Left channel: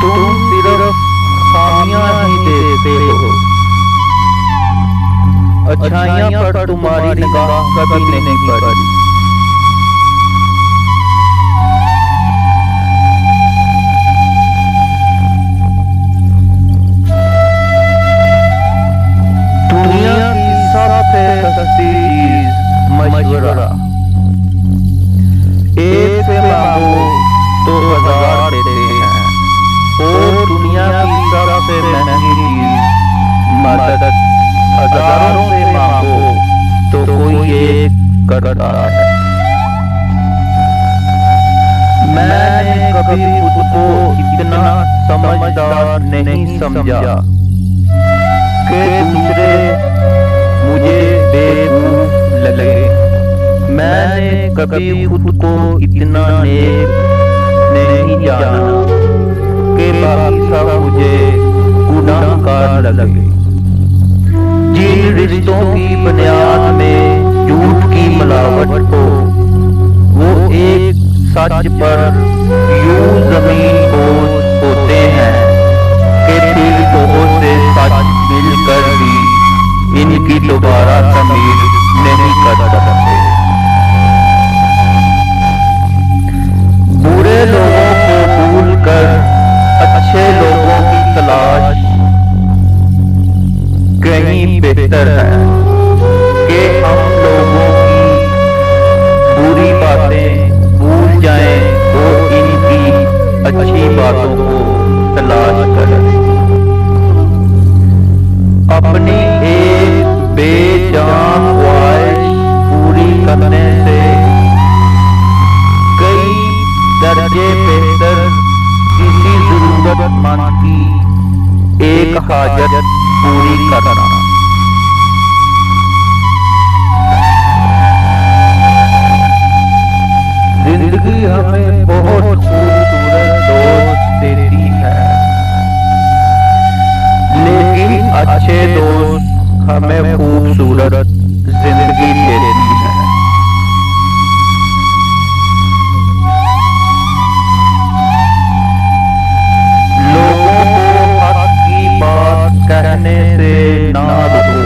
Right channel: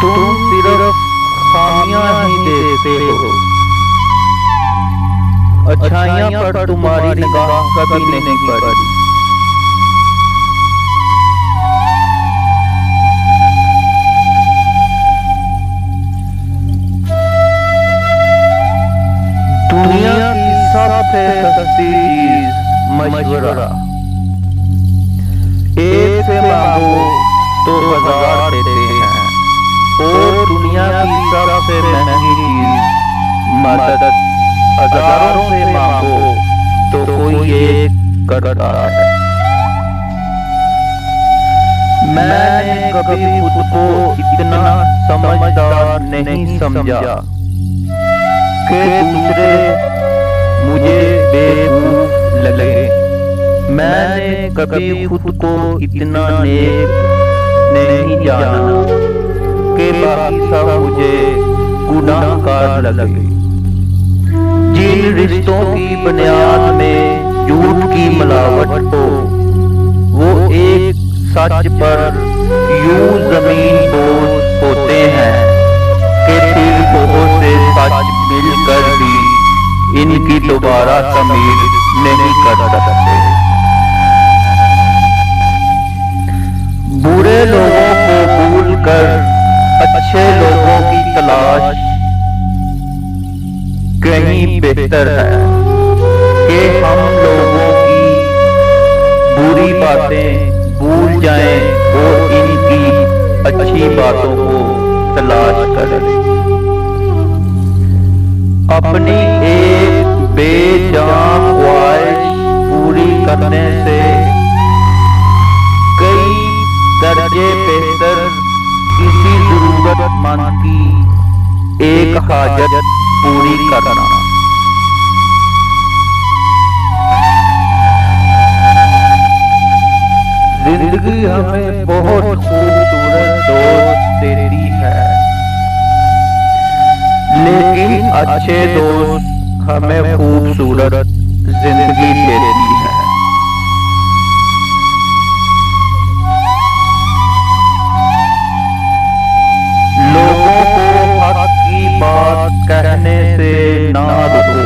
تم صرف خامیاں ہی دیکھتے ہو، اچھائیاں پر تمہاری نگاہ کبھی نہیں پڑی۔ دنیا کی سب سے سستی چیز مشورہ، ایک سے مانگو تو ہزار دیتے ہیں، اور دنیا کی سب سے مہنگی چیز مدد، ہزاروں سے مانگو تو کوئی ایک کرتا ہے۔ میں نے کبھی خود کو اتنا سمجھدار نہیں سمجھا کہ دوسرے مجھے بیوقوف لگے۔ میں نے کبھی خود کو اتنا نیک نہیں جانا کہ باقی سب مجھے گناہ گار لگے۔ جن رشتوں کی بنیاد میں جھوٹ کی ملاوٹ ہو، وہ ایک سچ پر یوں زمین بوس ہوتے ہیں کہ پھر بہت سے سچ مل کر بھی ان کی دوبارہ تعمیر نہیں کر سکتے۔ برے لوگوں کو بھول کر اچھے لوگوں کی تلاش کہیں بہتر ہے کہ ہم لوگوں کی بری باتیں بھول جائیں اور ان کی اچھی باتوں کو تلاش کریں۔ اپنی ایک بے جان خواہش پوری کرنے سے کئی درجے بہتر کسی ضرورت مند کی ایک حاجت پوری کرنا۔ زندگی ہمیں بہت خوبصورت دوست دیتی ہے، لیکن اچھے دوست ہمیں خوبصورت زندگی دیتی ہے۔ لوگوں کو حق کی بات کہنے سے نہ رکو،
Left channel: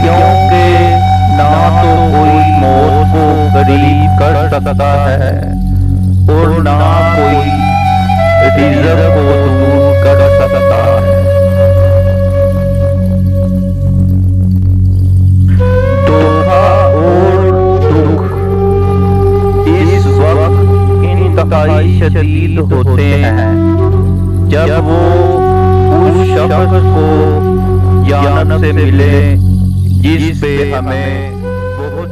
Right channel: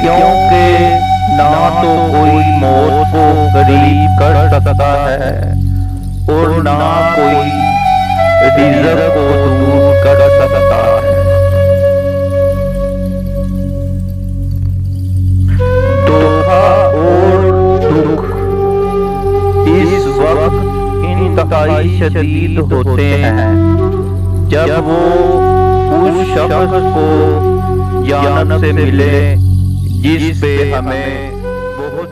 کیونکہ نہ تو کوئی موت کو قریب کر سکتا ہے اور نہ کوئی رزق کو دور کر سکتا ہے۔ دھوکا اور دکھ اس وقت انتہائی شدید ہوتے ہیں جب وہ اس شخص کو جانب سے ملے جس پہ ہمیں بہت